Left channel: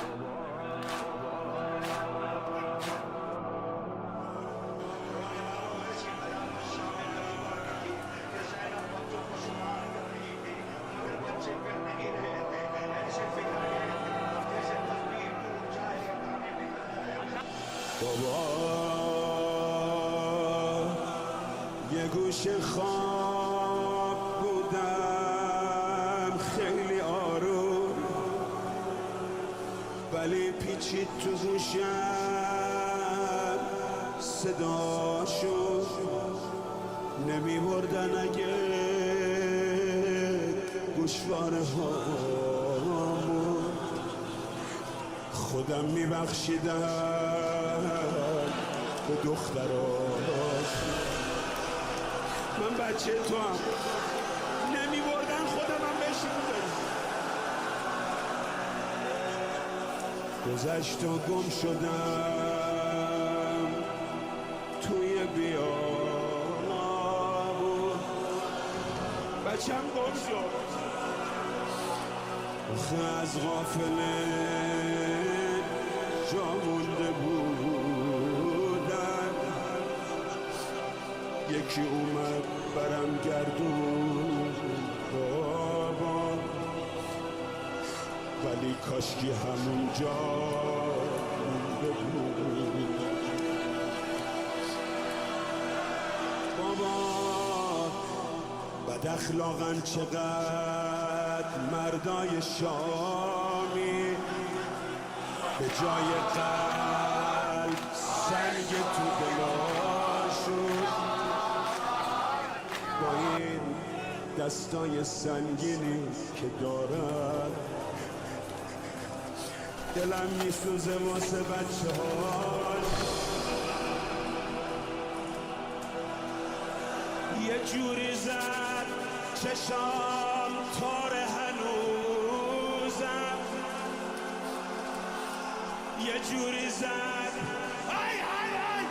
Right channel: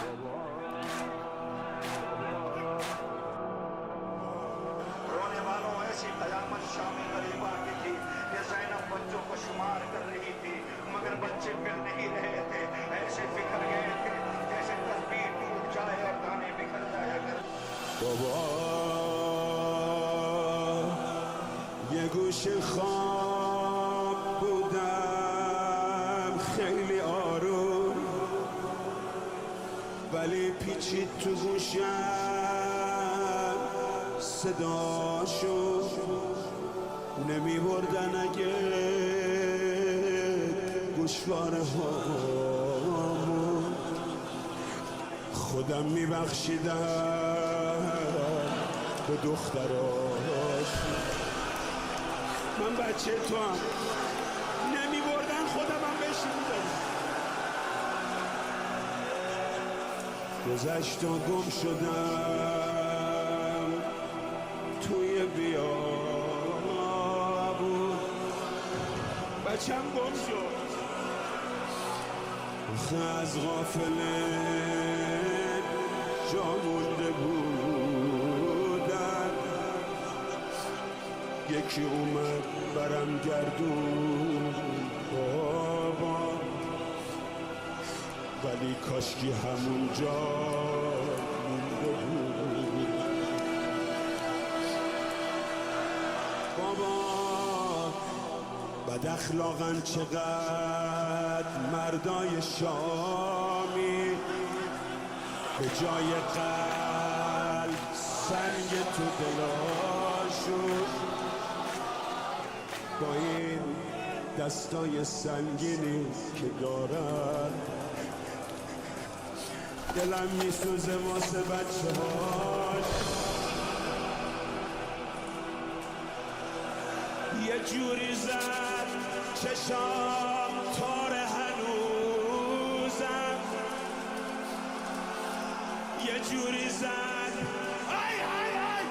رونے والوں ایسی قیامت شام قریب آ گئی تھی کہ زینب بچوں کو شمار کر رہی تھی مگر بچے پھر نہیں رہے تھے، ایسے بکھر گئے تھے جیسے تصویر ٹوٹ جائے اور دانے بکھر جائے. بابا یه گوشه خواب بودم خیلی آروم، ولی پیچید تو گوشم صداشو نمی بردن اگه گوشواره هامون خودم می بخشیدم به دختراش. من بچه تو هم نمی بردن خودم هم بهش میدادم. گذشت و گم شدم توی بیابون، بچم گم شد آخه از غافله جا مونده بودم. یکی اومد برم گردون بابا، ولی کاشکی همونجا مونده بود. بابا بد اخلاقن چقدر مردای شامی، به جای قلب سنگ تو دلاشون، با این دستای سنگینی که دارن دلم میسوزه واسه بچه هاش. یه جوری زد چشام تار هنوزم، یه جوری زد آی آی آی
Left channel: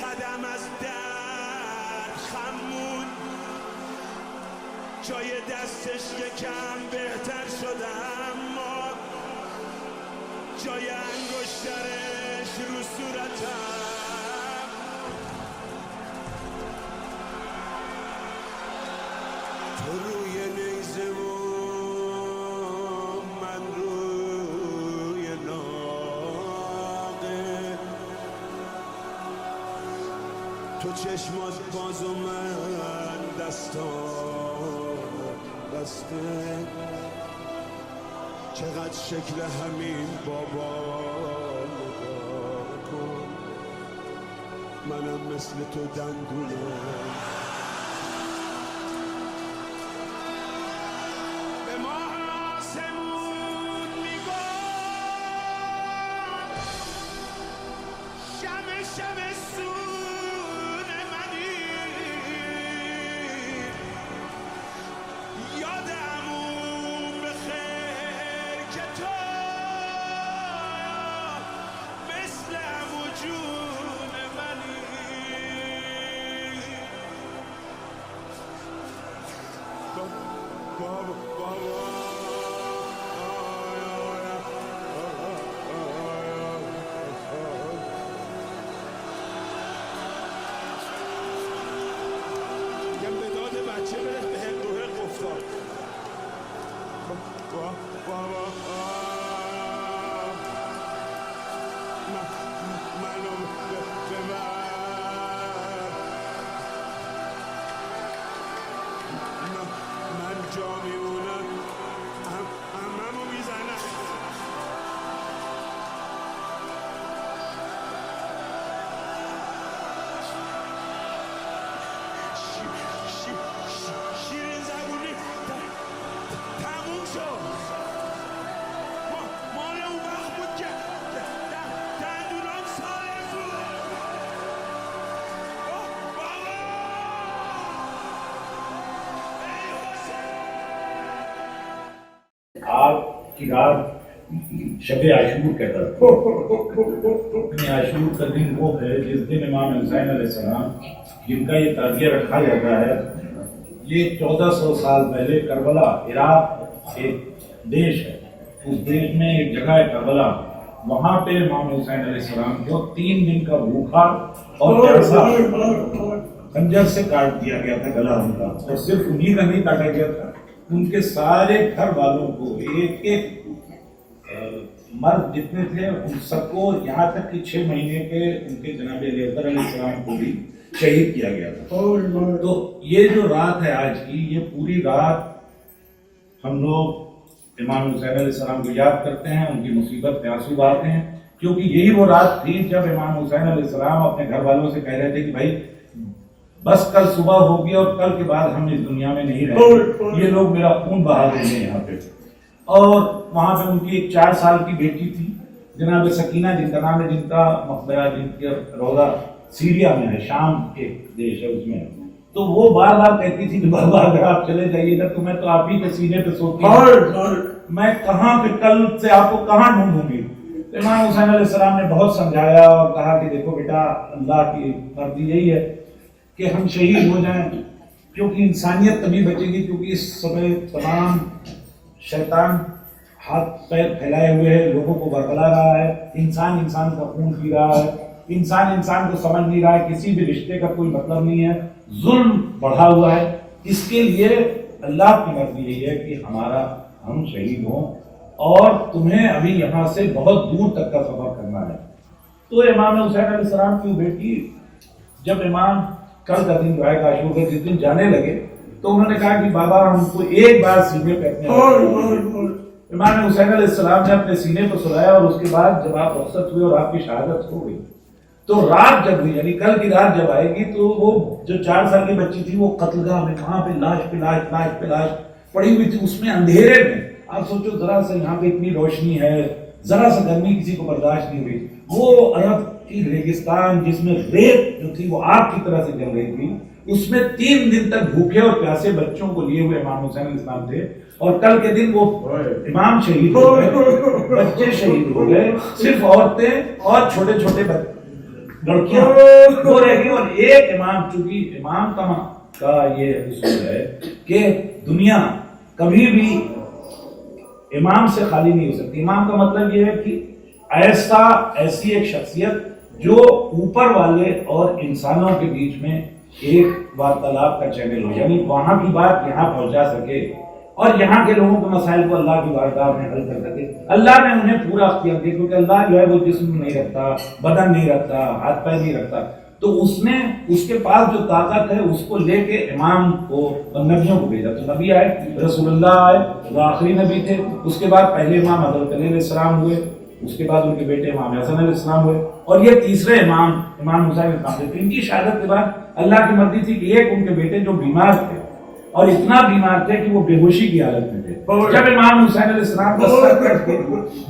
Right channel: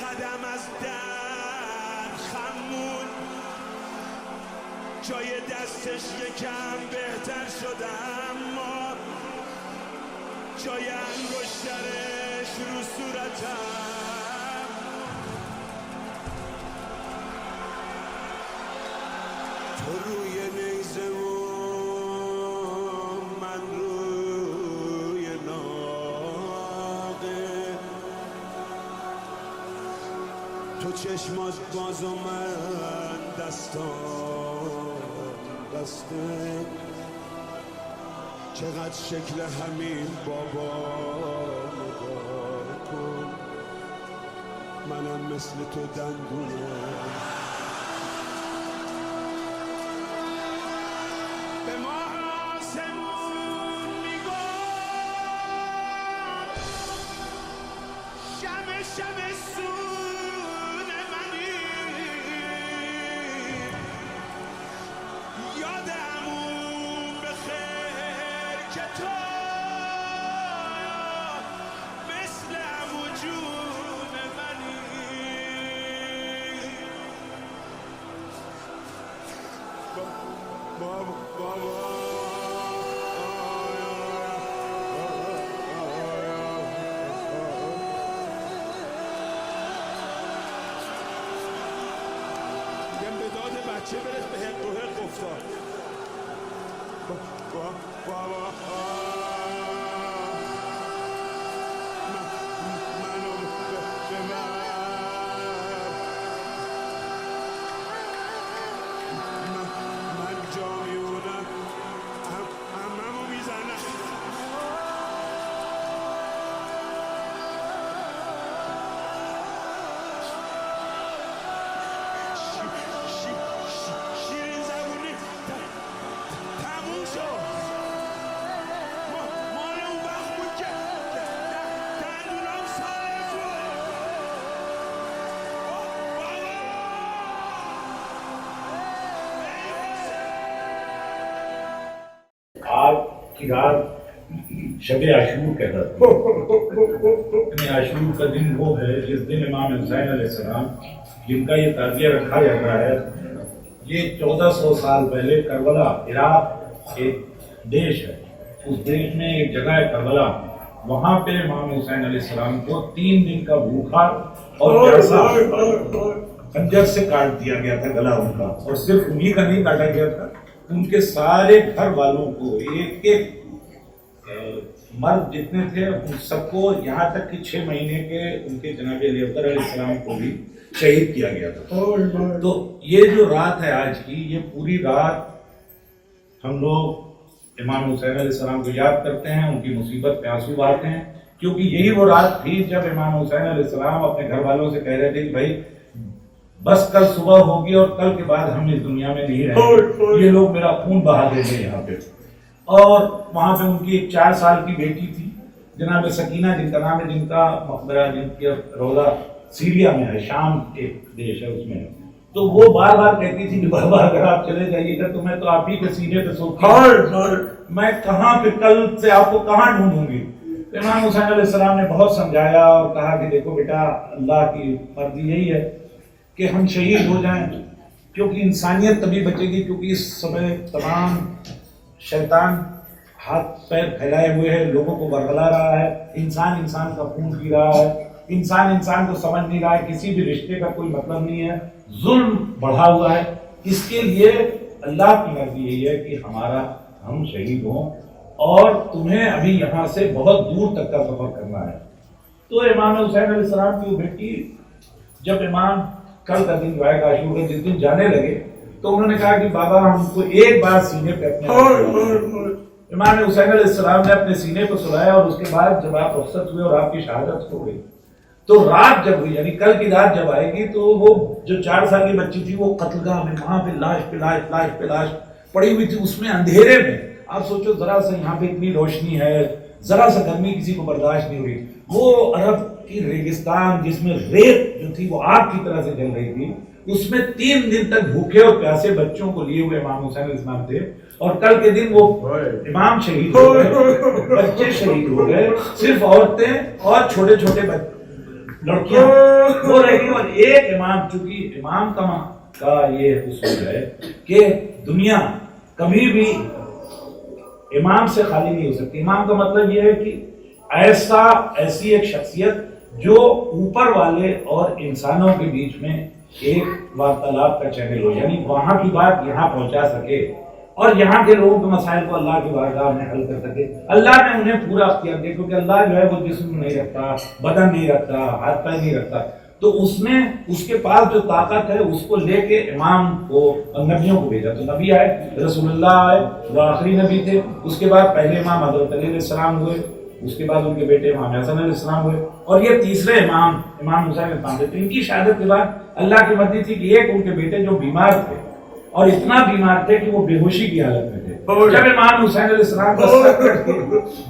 قدم از درد خمون، جای دستش یکم بهتر شد اما جای انگشترش رو صورتم. تو روی نیزه و من روی ناقه، تو چشمات باز و من دستام بسته. چقدر شکل همین بابا نگاه کن، منم مثل تو دندونم. به ما آسمون میگفت شمع شمع سون منی، یاد عموم بخیر که تو مثل عمو جون منی. بابا بابا میگم به داد بچه برس به حق و حق افتاد. بابا منو ببر، من جا میمونم عممو میزنم. شیرین زبونی تموم شد. مال اون وقت بود که دندونام سالم بود. بابا آج کی رات شب عاشور کا دن ہے. عاشور کا دن وہ ہے جس دن امام حسین علیہ السلام جن کا یہ تعزیہ رکھا جاتا ہے. یہ 1400 سال پہلے کربلا عراق ایک دیش ہے اس دیش میں ایک جگہ ہے کربلا، وہاں پہ امام حسین علیہ السلام کو 3 دن کا بھوکا اور پیاسا خنجر سے کاٹ دیا گیا تھا گلا ان کا، اور صرف انہی کا نہیں کاٹا گیا تھا، ان کے سارے گھر والوں کو، ایک ایک مرد جتنے تھے ان سب کو، یہاں تک کہ 6 مہینے کے ان کے جناب علی اکبر علیہ السلام کو بھی شہید کیا گیا تھا۔ تو یہ جو رات ہے آج کی، یہ پوری رات ہم لوگ امام حسین علیہ السلام کو یاد کرتے ہیں، ان کی مصیبت میں آنسو بہاتے ہیں، کیونکہ یہی وہ رات تھی جب امام حسین علیہ السلام اپنے گھر والوں سے کہہ رہے تھے کہ بھائی بس کل صبح ہوگی اور کل کے بعد ہم اس دنیا میں نہیں رہیں گے، یہ لوگ میرا خون بہا دیں گے یہاں پہ۔ اور وہاں پہ ان کی ایک 4 سال کی بیٹی تھی جناب سکینہ، جن کا نام ہے، جن کا مقبرہ، جن کا روضہ سیریا میں ہے، شام ایک دیش ہے اس میں، تو وہ بار بار کہتی تھی کہ بابا اگر آپ چلے جائیے گا تو میں تو آپ ہی کے سینے پہ سوتی ہوں، میں کہاں پہ کل سے آپ کو کہاں ڈھونڈوں گی۔ امام حسین علیہ السلام نے بہت سمجھایا اور کہا کہ دیکھو بیٹا، اللہ کی مرضی یہی ہے کہ ہم شہید ہو جائیں، کیونکہ انسانیت تبھی بچے گی، کیونکہ اس سمے تمام شیطان ہاتھ پیر پھیلائے ہوئے ہے، لوگوں کو ورگلا رہا ہے، انسان انسان کا خون پی رہا ہے، انسان انسان کو سمجھ نہیں رہا ہے، کسی بھی رشتے کا کوئی مطلب نہیں ہے، ظلم بڑھا ہوا ہے۔ اس کے لیے اللہ کی مرضی یہی ہے کہ ہم شہید ہوں، اور تمہیں ابھی یہاں سے بہت دور تک کا سفر کرنا ہے۔ تو امام حسین علیہ السلام کی بیٹی جب امام کل کا دن جو ہے عاشور کا جس دن جانے لگے تو انہوں نے کہا کہ بابا ہم کو ایک بار سینے پہ اپنے امام حسین علیہ السلام نے اپنے سینے پہ سلایا، اور اس کے بعد جب آپ رخصت ہوئے اور آپ کی شہادت ہو گئی تو رات جب ہوئی، یعنی کل کی رات جب آئے گی تو وہ جو 4 سال کی بچی تھی وہ قتل گاہ میں وہاں پہ لاش پہ لاش لاش پہ لاش پڑی ہوئی تھی، اس میں اندھیرے میں۔ آپ سوچو ذرا سا یہاں پہ اتنی روشنی ہے، ذرا سا گرمی کسی کو برداشت نہیں ہوئی، وہ عرب کی ریگستان جس میں ریت جو تھی وہ آگ کی طرح سے جل رہی تھی، اس میں 3 دن تک بھوکے اور پیاسے بچوں کو لیے ہوئے امام حسین علیہ السلام تھے، اور کل کے دن وہ امام شہید ہو گئے، بچے شہید ہو گئے، صرف عورتیں اور چھوٹے چھوٹے لڑکیاں وہ رہ گئی، اور ایک امام، چونکہ امام کا یہ اصول ہے کہ دنیا کبھی بھی امام سے خالی نہیں ہو سکتی۔ امام کا مطلب یہ ہے کہ ایسی ایک شخصیت جو اوپر والے اور انسانوں کے بیچ میں ایک وارتالاب کا چینل ہو، یعنی وہاں کی بات یہاں پہنچا سکے اور یہاں کے لوگوں کے مسائل کو اللہ کی بارگاہ میں حل کر سکے۔ اللہ نے انہیں پورا اختیار دیا، کیونکہ اللہ جو ہے وہ جسم نہیں رکھتا، بدن نہیں رکھتا، ہاتھ پیر نہیں رکھتا، تو اس نے اس کے پاس جو طاقت ہے اس کو لے کے امام کو اور نبیوں کو بھیجا۔ تو نبی آئے، رسول اللہ آئے، وہ آخری نبی تھے، اس کے بعد پہلے امام حضرت علی علیہ السلام ہوئے، اس کے بعد ان کے بیٹے امام حسن علیہ السلام ہوئے، اور یہ تیسرے امام حسین علیہ السلام تھے۔ تو ان کی شہادت کے بعد اللہ کی مرضی تھی کہ ایک ان کے بیٹے جو بیمار تھے اور اتنا بیمار تھے کہ وہ بے ہوشی کی حالت میں تھے، جب امام حسین علیہ السلام کا سر کٹ کے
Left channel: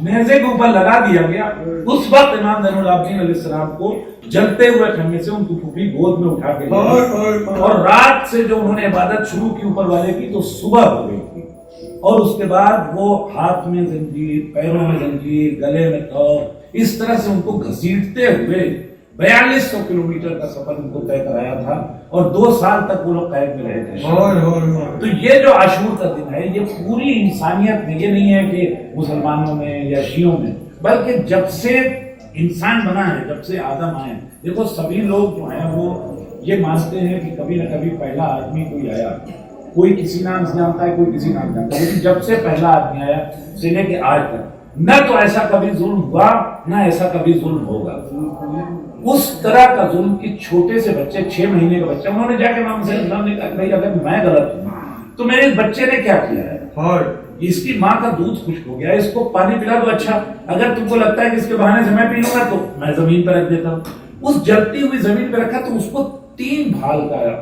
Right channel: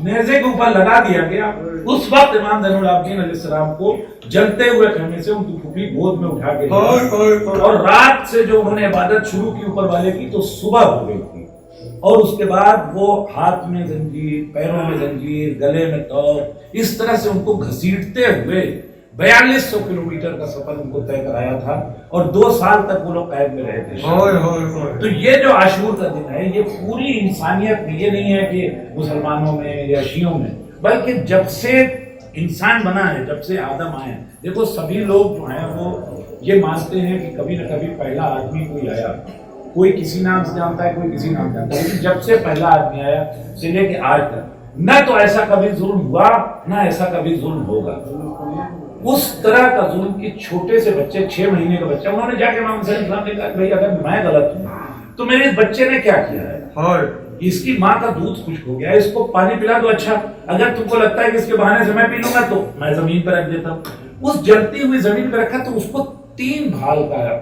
نیزے کے اوپر لگا دیا گیا، اس وقت امام زین العابدین علیہ السلام کو جلتے ہوئے خیمے سے ان کی پھوپھی گود میں اٹھا کے لیا، اور رات سے جو انہوں نے عبادت شروع کی اوپر والے کی تو صبح ہو گئی تھی، اور اس کے بعد وہ ہاتھ میں زنجیر، پیروں میں زنجیر، گلے میں تور، اس طرح سے ان کو گھسیٹتے ہوئے 4200 کلومیٹر کا سفر ان کو طے کرایا تھا، اور 2 سال تک وہ لوگ قید میں رہے تھے۔ تو یہ جو عاشور کا دن ہے، یہ پوری انسانیت میں، یہ نہیں ہے کہ مسلمانوں میں یا شیعوں میں، بلکہ جب سے انسان بنا ہے، جب سے آدم آئے، دیکھو سبھی لوگ جو ہیں وہ یہ مانتے ہیں کہ کبھی نہ کبھی پہلا آدمی کوئی آیا، کوئی کسی نام سے جانتا ہے، کوئی کسی نام سے جانتا ہے، لیکن جب سے پہلا آدمی آیا سے لے کے آج تک نہ تو ایسا کبھی ظلم ہوا، نہ ایسا کبھی ظلم ہوگا۔ اس طرح کا ظلم کہ چھوٹے سے بچے، 6 مہینے کا بچہ، انہوں نے جا کے امام صلی اللہ علیہ وسلم نے کہا کہ بھائی اگر میں غلط ہوں تو میرے بچے نے کیا کیا ہے، اس کی ماں کا دودھ خشک ہو گیا، اس کو پانی پلا دو، اچھا اگر تم کو لگتا ہے کہ اس کے بہانے سے میں پی لوں گا تو میں زمین پہ رکھ دیتا ہوں۔ اس جلتی ہوئی زمین پہ رکھا تو اس کو 3 بھال کا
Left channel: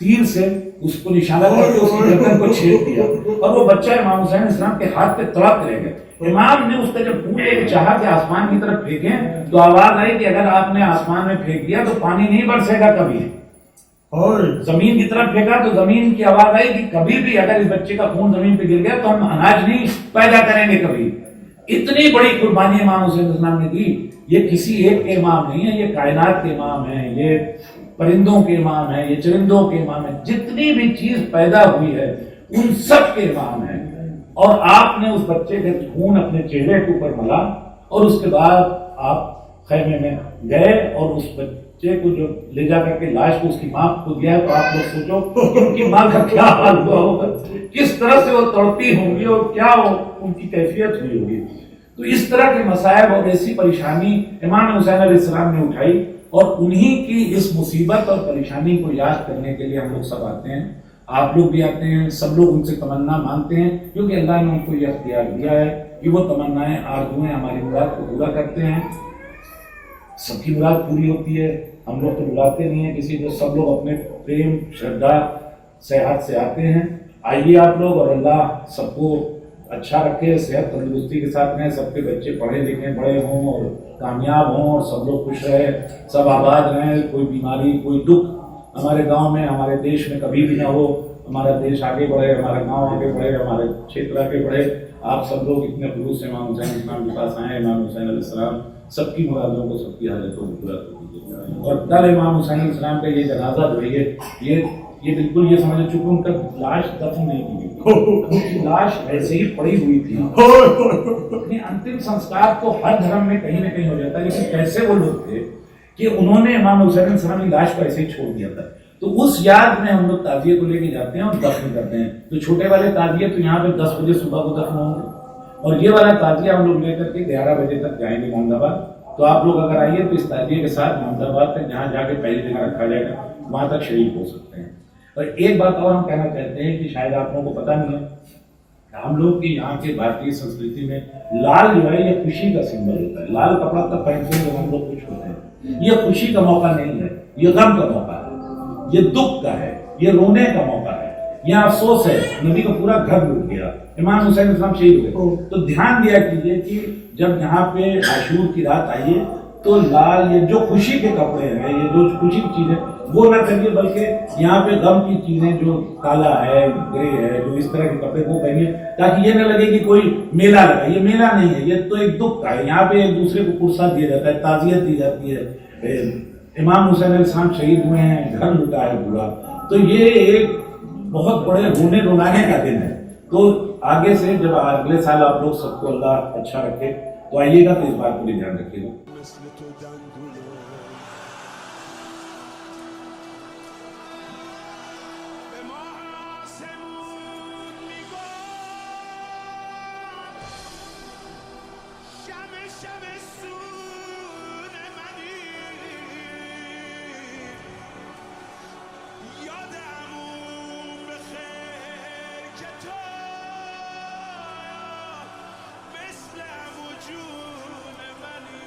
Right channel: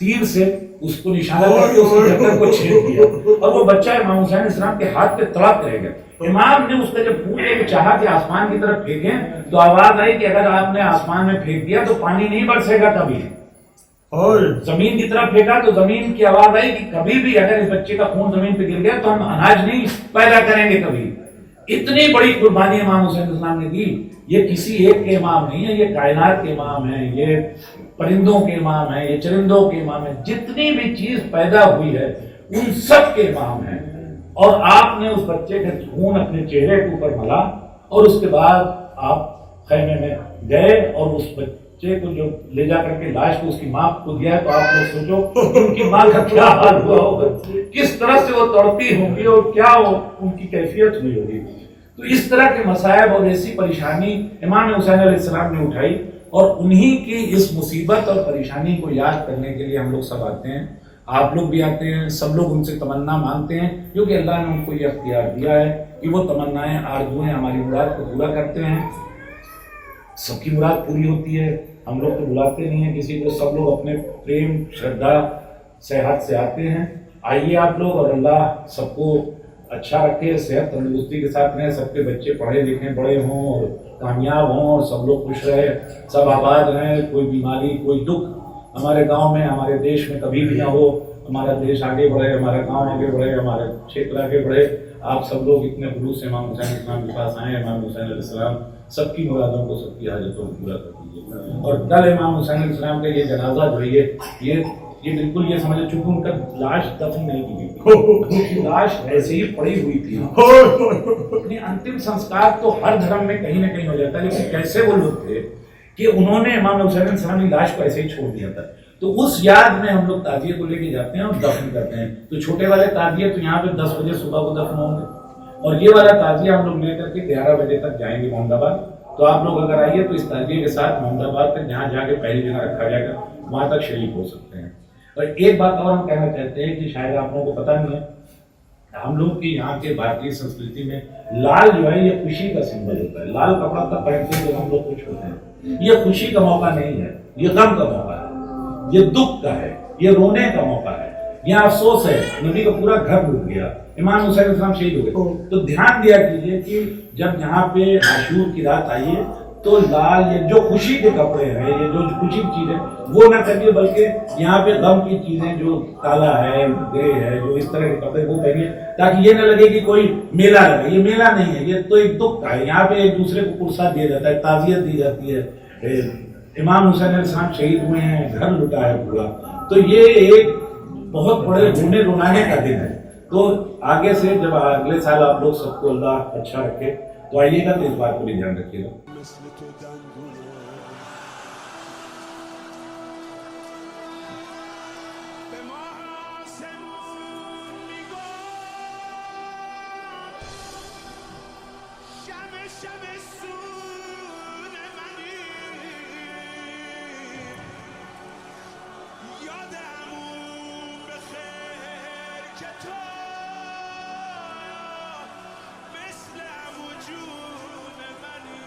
تیر سے اس کو نشانہ کر کے اس کی گردن کو چھید دیا، اور وہ بچہ امام حسین علیہ السلام کے ہاتھ پہ تڑپ رہ گیا۔ امام نے اس کا جب پھول لے کے چاہا کہ آسمان کی طرف پھینکیں تو آواز آئی کہ اگر آپ نے آسمان میں پھینک دیا تو پانی نہیں برسے گا کبھی، اور زمین کی طرف پھینکا تو زمین کی آواز آئی کہ کبھی بھی اگر اس بچے کا خون زمین پہ گر گیا تو ہم اناج نہیں پیدا کریں گے کبھی۔ اتنی بڑی قربانی امام حسین علیہ السلام نے دی۔ یہ کسی ایک کے امام نہیں ہے، یہ کائنات کے امام ہیں، یہ پرندوں کے امام ہیں، یہ چرندوں کے امام ہیں، جتنی بھی چیز پیدا ہوئی ہے ان سب کے امام ہیں۔ اور آپ نے اس بچے کے خون اپنے چہرے کے اوپر ملا اور اس کے بعد آپ خیمے میں گئے اور اس بچے کو جو لے جا کر کے لاش کو اس کی ماں کو دیا ہے، تو آپ لوگ سوچو کہ ان کی ماں کا کیا حال ہوا ہوگا، کس طرح سے وہ تڑپتی ہوں گی اور کیا ان کی کیفیت ہوئی ہوگی۔ تو اس طرح کے مصائب اور ایسی پریشانی امام حسین علیہ السلام نے اٹھائی، اور انہی کی اس مصیبت اور پریشانی کو یاد کرنے کے لیے ہم لوگ سب آتے ہیں، آپ لوگ بھی آتے ہیں، سب لوگ ان سے تمنا مانگتے ہیں، کیونکہ اللہ نے ان کو یہ اختیار دیا ہے کہ وہ تمنائیں آرزویں ہماری مراد کو پورا کرتے ہیں۔ سب کی مراد پوری ہوتی ہے، ہم لوگ تو بلاتے نہیں ہیں کسی کو، سب لوگ اپنے پریم شردھا صحت سے آتے ہیں۔ آئیے آپ لوگ، اور اللہ سب کو اچھا رکھے، صحت تندرستی کے ساتھ رہیں، سب کے بچے پڑھے لکھیں بڑے ہوں اور کامیاب ہوں، اور سب لوگ خوش رہے، سب آباد رہیں، کوئی بیماری کوئی دکھ ہمارے گاؤں میں ہمارے دیش میں کبھی بھی نہ ہو، ہمارا دیش آگے بڑھے، ہمارا گاؤں آگے بڑھے، ہمارے چھیتر آگے بڑھے۔ آپ سب لوگ اتنے خلوص سے امام حسین علیہ السلام کے پاس آئے، امام حسین علیہ السلام سب کی مرادوں کو، سب کی حاجتوں کو پورا کر دیجیے۔ اور کل امام حسین علیہ السلام کا یہ جنازہ جو ہے یہ بالکل یہ سمجھے، چونکہ ان کا لاش دفن نہیں کی گئی، لاش ایسے ہی پڑی ہوئی تھی۔ انتم سنسکار تو ہر دھرم میں کہیں نہ کہیں ہو جاتا ہے، لیکن کیسے وہ لوگ تھے کہ انہوں نے امام حسین علیہ السلام کی لاش کو ایسے ہی چھوڑ دیا تھا۔ تو اس یاد میں ہم لوگ تعزیے کو لے کے جاتے ہیں اور دفن کرتے ہیں۔ تو چھوٹے والے تعزیے تو یہاں پہ 10 بجے صبح کو دفن ہوں گے، اور یہ والا تعزیہ ہم لوگ لے کر کے 11 بجے تک جائیں گے محمد آباد۔ تو آپ لوگ اگر آئیے تو اس تعزیے کے ساتھ محمد آباد تک جہاں جا کے پہلی جگہ رکھا جائے گا وہاں تک شریک ہو سکتے ہیں۔ اور ایک بات اور ہم کہنا چاہتے ہیں کہ شاید آپ لوگوں کو پتہ نہیں ہے، ہم لوگ کے یہاں کے بھارتی سنسکرتی میں لال جو ہے یہ خوشی کا سمبل ہوتا ہے۔ لال کپڑا تب پہنتے ہیں جب ہم لوگ خوش ہوتے ہیں۔ یہ خوشی کا موقع نہیں ہے، یہ غم کا موقع ہے، یہ دکھ کا ہے، یہ رونے کا موقع ہے، یہ افسوس ہے۔ نبی کا پورا گھر لوٹ گیا، امام حسین علیہ السلام شہید ہو گئے۔ تو دھیان دیا کیجیے کہ جب یہاں پہ عاشور کی رات آئیے تو لال یہ جو خوشی کے کپڑے ہیں، یہ جو خوشی کی چیزیں وہ نہ کریے، بلکہ یہاں پہ غم کی چیزیں جو کالا ہے، گرے ہے، جو اس طرح کے کپڑے وہ پہنیے، تاکہ یہ نہ لگے کہ کوئی میلہ لگا۔ یہ میلہ نہیں ہے، یہ تو ایک دکھ کا ہے۔ یہاں پہ ایک دوسرے کو قرصہ دیا جاتا ہے، تعزیت دی جاتی ہے۔ امام حسین علیہ السلام شہید ہوئے ہیں، گھر لٹا ہے پورا، تو یہ ایک بہت بڑے رونے رونانے کا دن ہے۔ تو آگے سے جب اگلے سال آپ لوگ سب کو اللہ اچھا رکھے تو آئیے گا، تو اس بات کو بھی دھیان رکھیے گا۔ مثل تو دندونم به ما آسمون میگفت شمع شمع سون منی، یاد عموم بخیر که تو مثل عمو جون منی.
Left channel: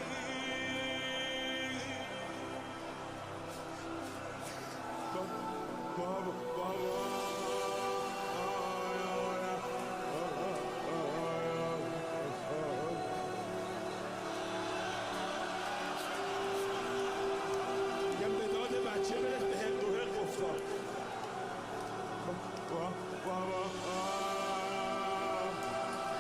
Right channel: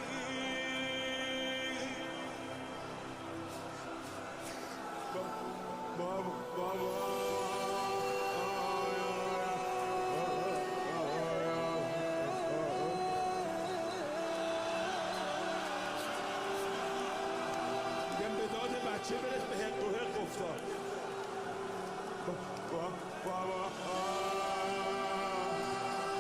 بابا میگم به داد بچه برس به حق و حق افتاد. بابا